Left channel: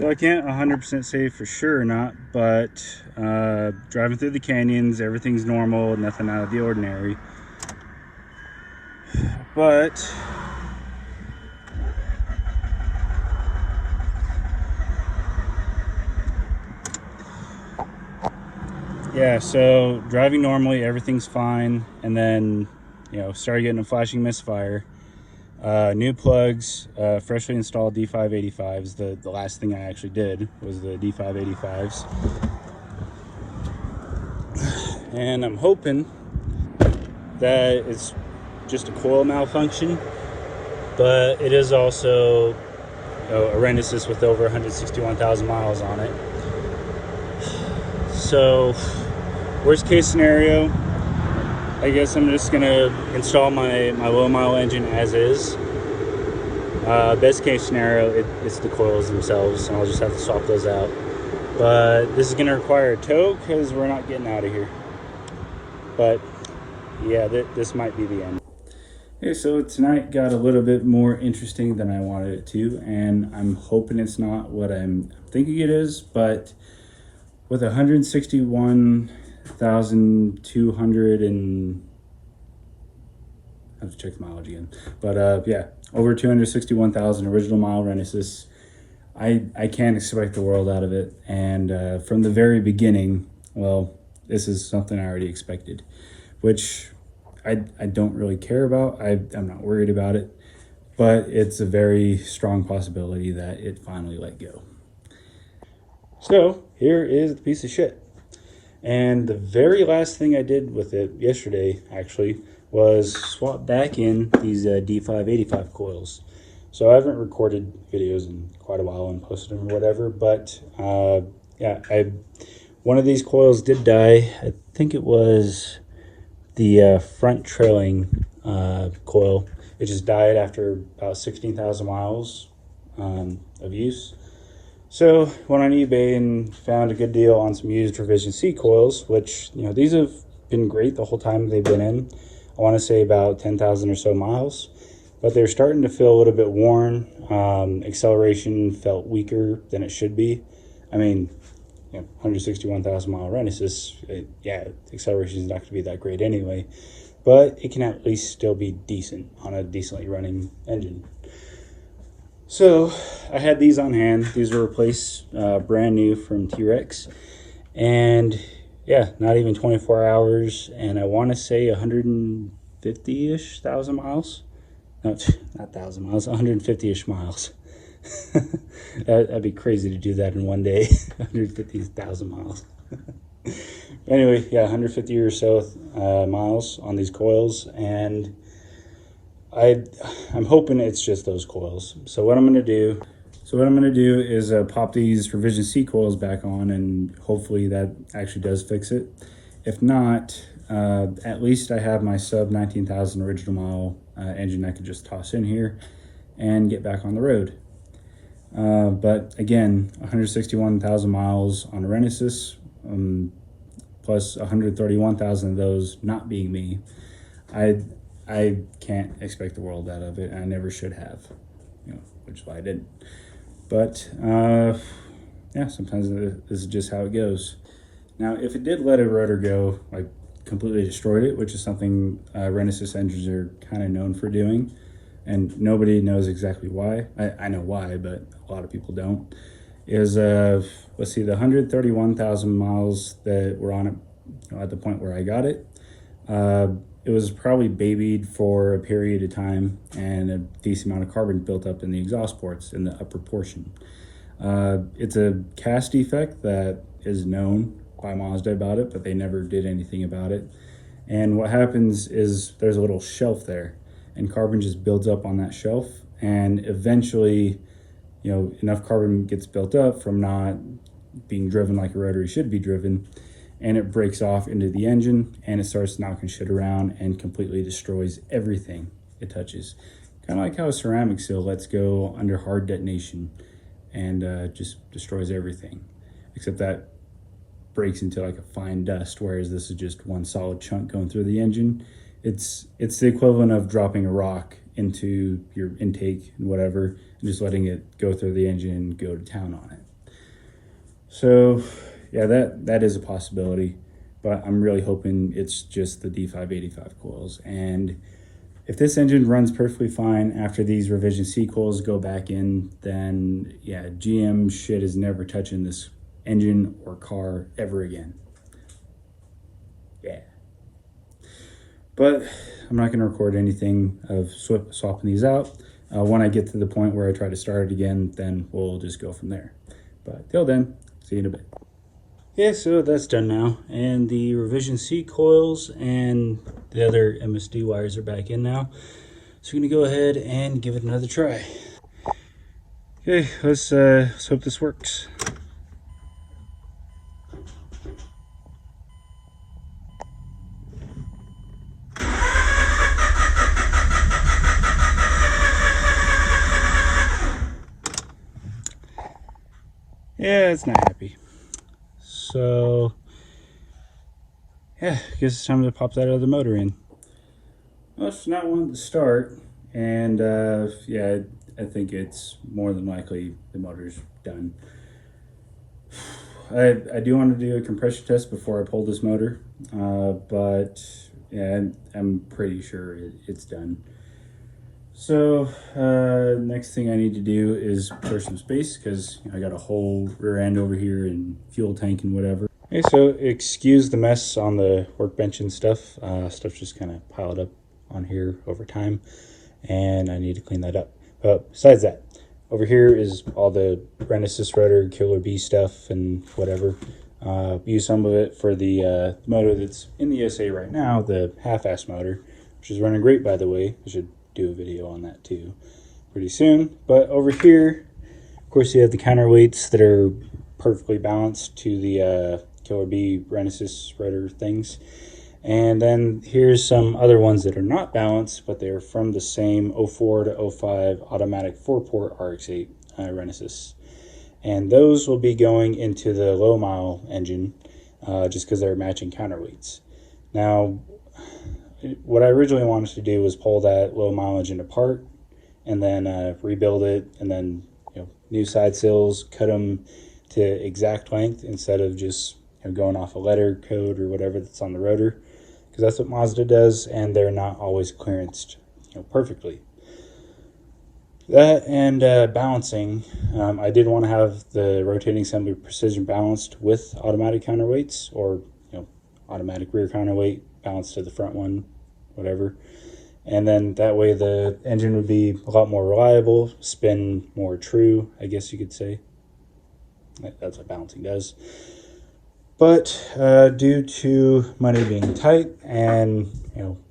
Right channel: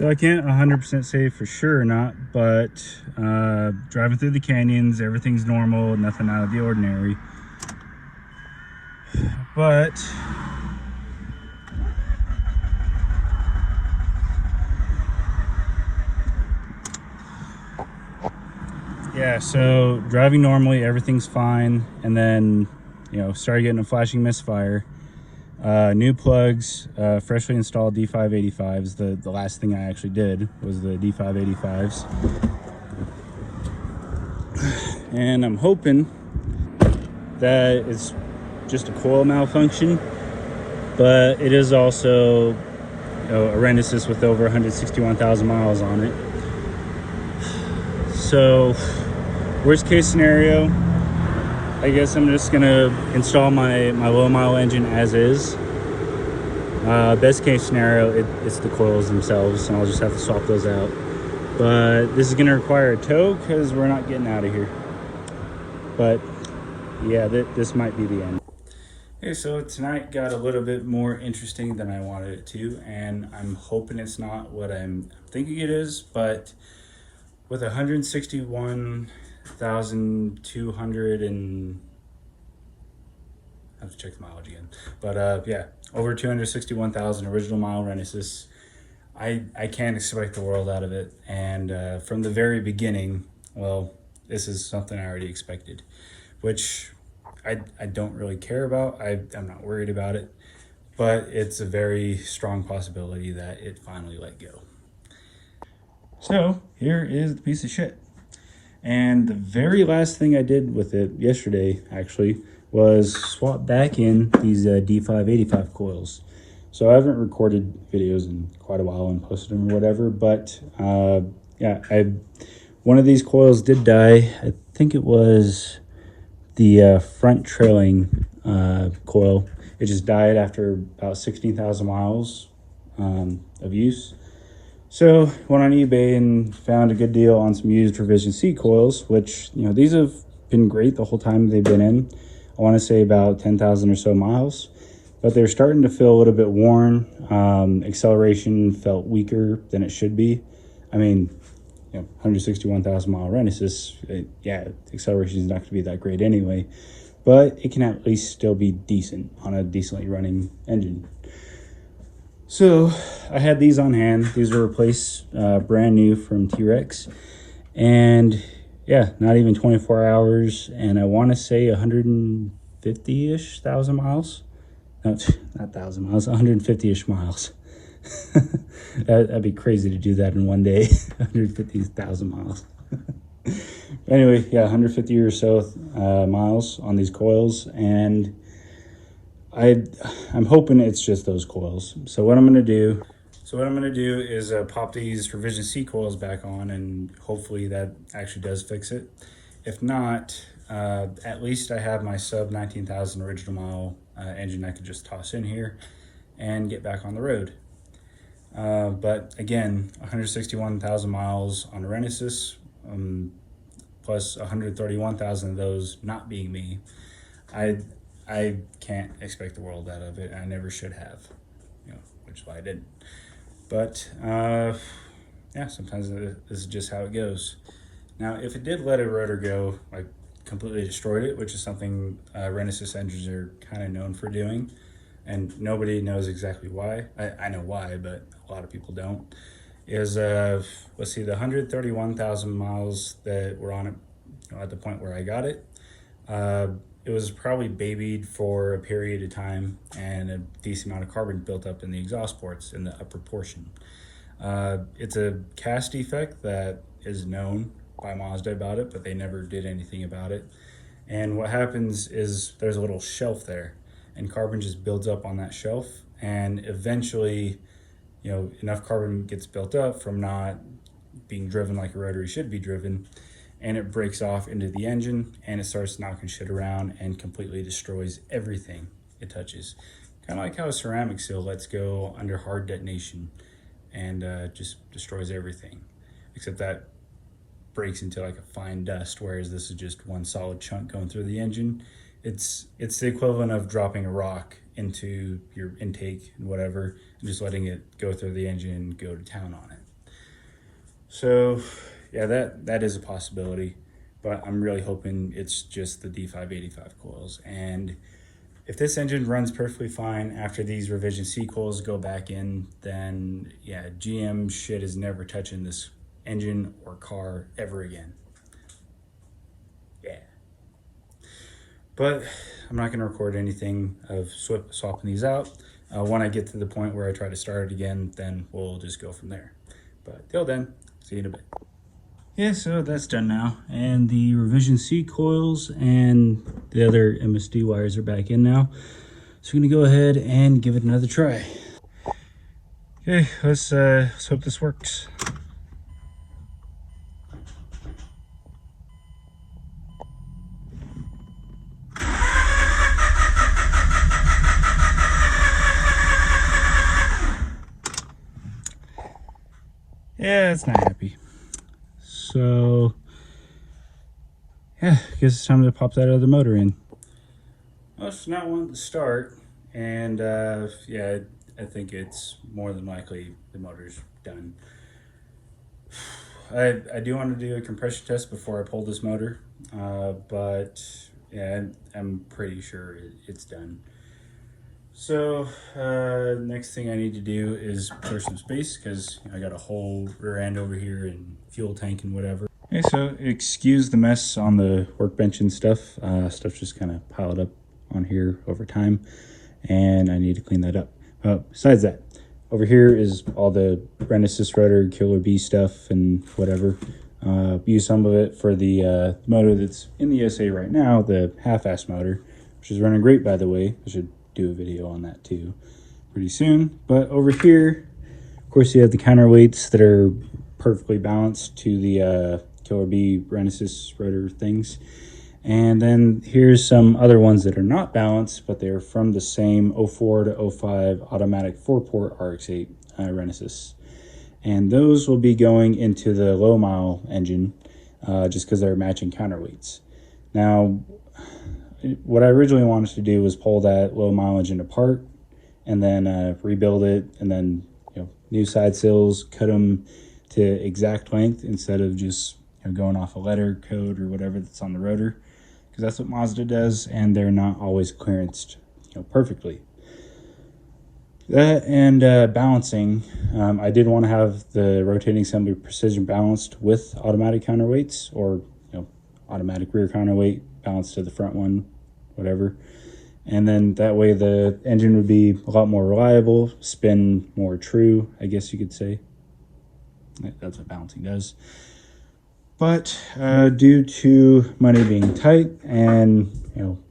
So I can't 100% say for sure or not, but driving through the canyons, everything's normal, nothing out of the ordinary. But yeah, so driving normally, everything's fine, and then, you know, started getting a flashing misfire. New plugs, freshly installed D585s. The last thing I actually did was the D585s. And I'm hoping that it's just a coil malfunction, but it is also, you know, a R3's with over 161,000 miles on it. So worst case scenario, I guess I'm just gonna install my low mile engine as is. Best case scenario, it's the coils themselves, and I'll just have to swap those out. But this is gonna require a tow because we're not getting out of here. But yeah, this might be the end. Okay, so tonight got a little bit more interesting than I wanted it to, and I'm hoping it's not what I'm thinking it is, but with 161,200 and I have to check the mileage again, but yeah, over 261,000 original mile R3's. I can't expect the world out of it, and from the very beginning, well, this is something I already expected, which I don't really care about. I'm not worried about it, but it's a very strong possibility that it finally let go. So here is the piece of shit. And the very last thing I did with it yesterday, actually, was swap back in these D585 coils. So I haven't recorded videos in quite a while and posted them or whatever, but yeah, one of these coils did die. I think it was the front trailing coil. It just died after about 16,000 miles of use. So went on eBay and found a good deal on some used revision C coils, which, you know, these have been great the whole time they've been in. I want to say about 10,000 or so miles, but they're starting to feel a little bit worn. Acceleration felt weaker than it should be. I mean, you know, 161,000 mile R3's, yeah, acceleration is not going to be that great anyway, but it can at least still be decent on a decently running engine. So I had these on hand. These were replaced brand new from TREX, and yeah, not even 24 hours, and I want to say 150-ish thousand miles. Not 1,000 miles, 150-ish miles. That'd be crazy to do that in one day. 150,000 miles. Anyway, yeah, 150 or so miles on these coils, and I'm hoping it's just those coils. So what I'm gonna do is pop these revision C coils back on, and hopefully that actually does fix it. If not, at least I have my sub 19,000 original mile engine I could just toss in here and get back on the road. But again, 161,000 miles on a R3's, plus 131,000 of those not being me. I can't expect the world out of it, and I never should have, you know, which is why I didn't. But yeah, sometimes this is just how it goes. Now, if it did let a rotor go, like completely destroyed it, which is something R3's engines are kind of known for doing, and nobody knows exactly why. I know why, but a lot of people don't. Is let's see, the 131,000 miles that were on it, you know, at the point where I got it. It was probably babied for a period of time, and a decent amount of carbon built up in the exhaust ports in the upper portion. It's a cast defect that is known by Mazda about it, but they never did anything about it. And what happens is there's a little shelf there, and carbon just builds up on that shelf, and eventually, you know, enough carbon gets built up from not being driven like a rotary should be driven, and it breaks off into the engine, and it starts knocking shit around and completely destroys everything it touches. Kind of like how a ceramic seal lets go under hard detonation and just destroys everything, except that breaks into like a fine dust, whereas this is just one solid chunk going through the engine. It's the equivalent of dropping a rock into your intake and whatever, and just letting it go through the engine and go to town on it. So yeah, that is a possibility, but I'm really hoping it's just the D585 coils. And if this engine runs perfectly fine after these revision C coils go back in, then yeah, GM shit is never touching this engine or car ever again. Yeah. But I'm not going to record anything of swapping these out. When I get to the point where I try to start it again, then we'll just go from there. But till then, see you in a bit. Yeah, so that's done now. And the revision C coils and the other MSD wires are back in now. So we're gonna go ahead and give it another try. Okay, let's hope this works. Yeah, it's not happy. So, yeah, I guess it's time to pop that other motor in. Well, it's not wanting to start, and yeah, I think it's more than likely the motor's done. I do want to do a compression test before I pull this motor, but yeah, I'm pretty sure it's done. So next thing I need to do is clear some space because I got a whole rear end over here and fuel tank and whatever. Okay, so excuse the mess on the workbench and stuff. Stuff's just kind of piled up on here over time, and I need to clean that up. But besides that, over here is all the Renesis rotor, Killer B stuff and whatever. Use some of it for the motor that's in the SA right now, the half-ass motor, which is running great, by the way. I should do a video on that too pretty soon. But over here, of course, you have the counterweights that are perfectly balanced to the Killer B Renesis rotor things. And then here's some other ones that are not balanced, but they're from the same 04 to 05 automatic 4-port RX-8 Renesis. And those will be going into the low mile engine just because they're matching counterweights. Now, what I originally wanted to do was pull that low mile engine apart and then rebuild it, and then new side sills, cut them to exact length instead of just going off a letter code or whatever that's on the rotor, because that's what Mazda does, and they're not always clearanced perfectly. That and balancing, I did want to have the rotating assembly precision balanced with automatic counterweights, or automatic rear counterweight balanced to the front one, whatever. And then that way the engine would be a lot more reliable, spin more true, I guess you could say. That's what balancing does. But due to money being tight and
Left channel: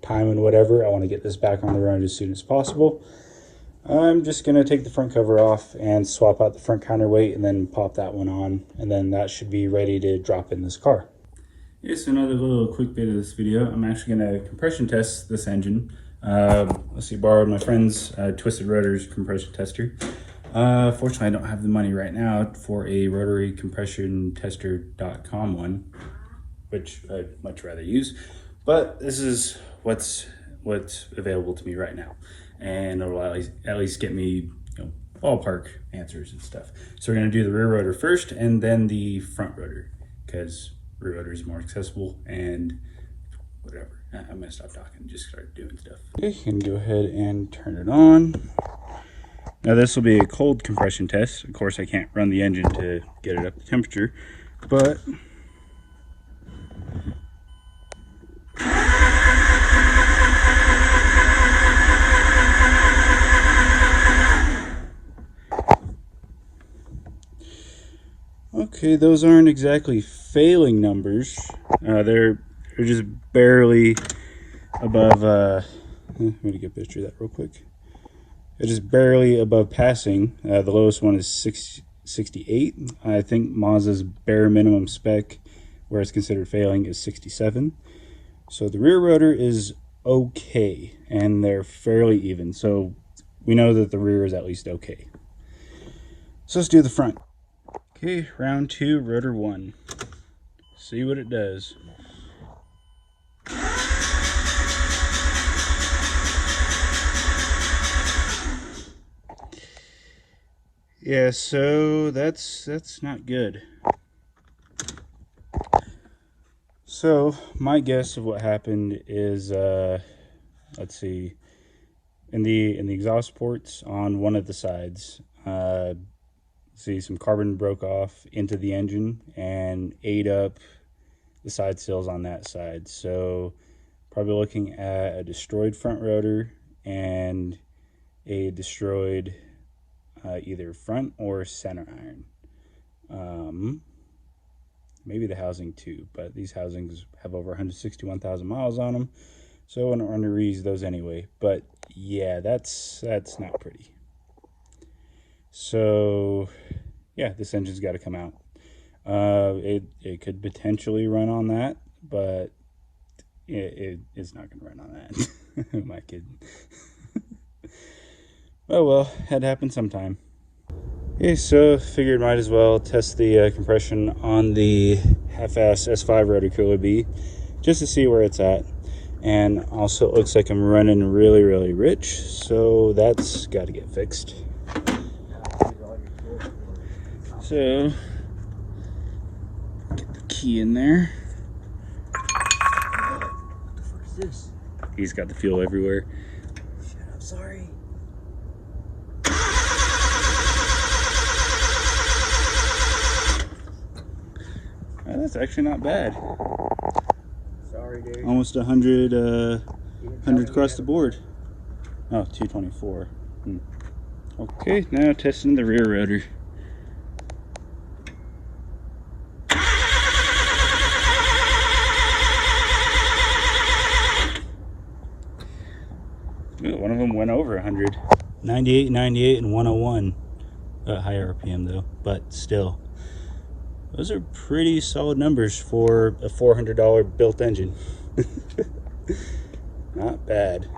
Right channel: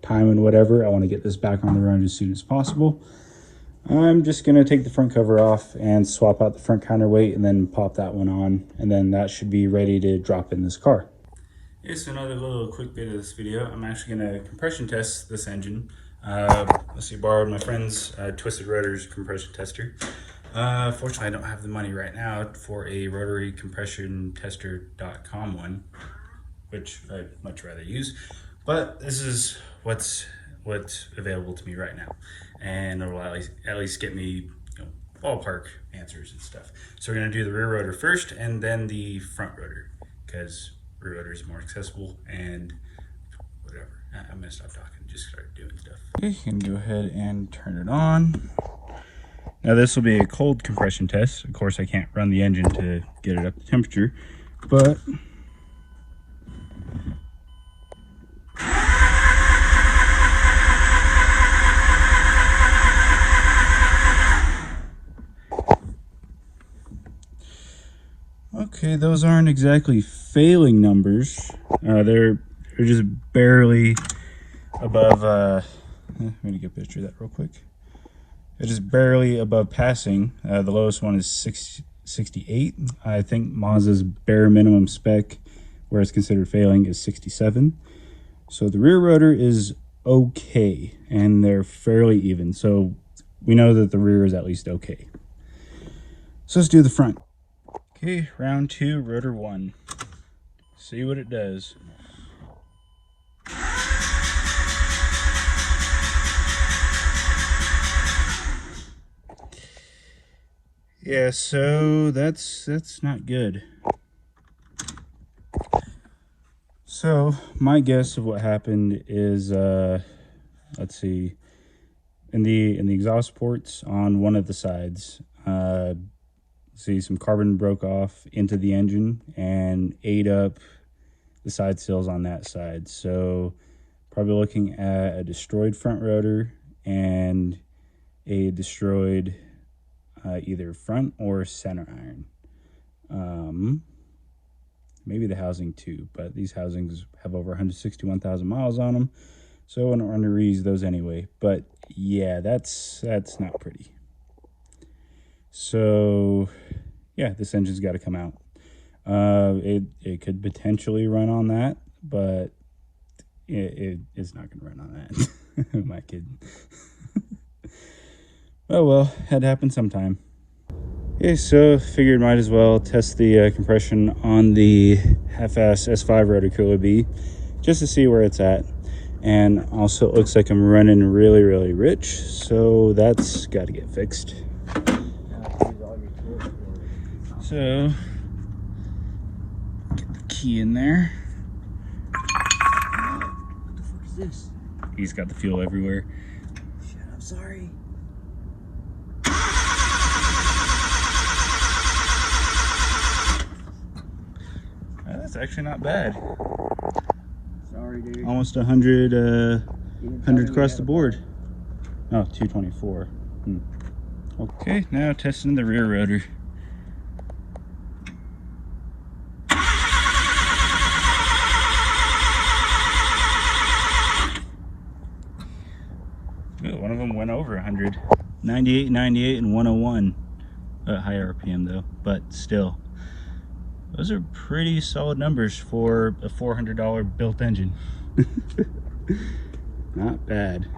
time and whatever, I want to get this back on the road as soon as possible. I'm just gonna take the front cover off and swap out the front counterweight and then pop that one on, and then that should be ready to drop in this car. Here's another little quick bit of this video. I'm actually gonna compression test this engine. Let's see, borrowed my friend's Twisted Rotors compression tester. Fortunately, I don't have the money right now for a rotary compression tester.com one, which I'd much rather use, but this is what's available to me right now, and it'll at least get me ballpark answers and stuff. So we're gonna do the rear rotor first and then the front rotor, because rear rotor is more accessible and whatever. I'm gonna stop talking and just start doing stuff. Okay, you can go ahead and turn it on. Now this will be a cold compression test. Of course, I can't run the engine to get it up to temperature, but okay, those aren't exactly failing numbers. They're just barely above, I'm gonna get a picture of that real quick. They're just barely above passing. The lowest one is 68. I think Mazda's bare minimum spec, where it's considered failing, is 67. So the rear rotor is okay, and they're fairly even. So we know that the rear is at least okay. So let's do the front. Okay, round 2, rotor 1. See what it does. Yeah, so that's not good. So my guess of what happened is, let's see, in the exhaust ports on one of the sides, see some carbon broke off into the engine and ate up the side seals on that side. So probably looking at a destroyed front rotor and a destroyed either front or center iron. Maybe the housing too, but these housings have over 161,000 miles on them, so I wouldn't want to reuse those anyway. But yeah, that's not pretty. So yeah, this engine's got to come out. It could potentially run on that, but it is not going to run on that. Who am I kidding? Oh well, had to happen sometime. Okay, so figured might as well test the compression on the half-ass S5 rotor cooler B, just to see where it's at. And also it looks like I'm running really, really rich, so that's got to get fixed. So, get the key in there. What the fuck is this? He's got the fuel everywhere. Shit, I'm sorry. That's actually not bad. Sorry, dude. Almost 100 across the board. Oh, 224. Okay, now testing the rear rotor. Ooh, one of them went over 100. 98, 98, and 101. High RPM though, but still. Those are pretty solid numbers for a $400 built engine. Not bad.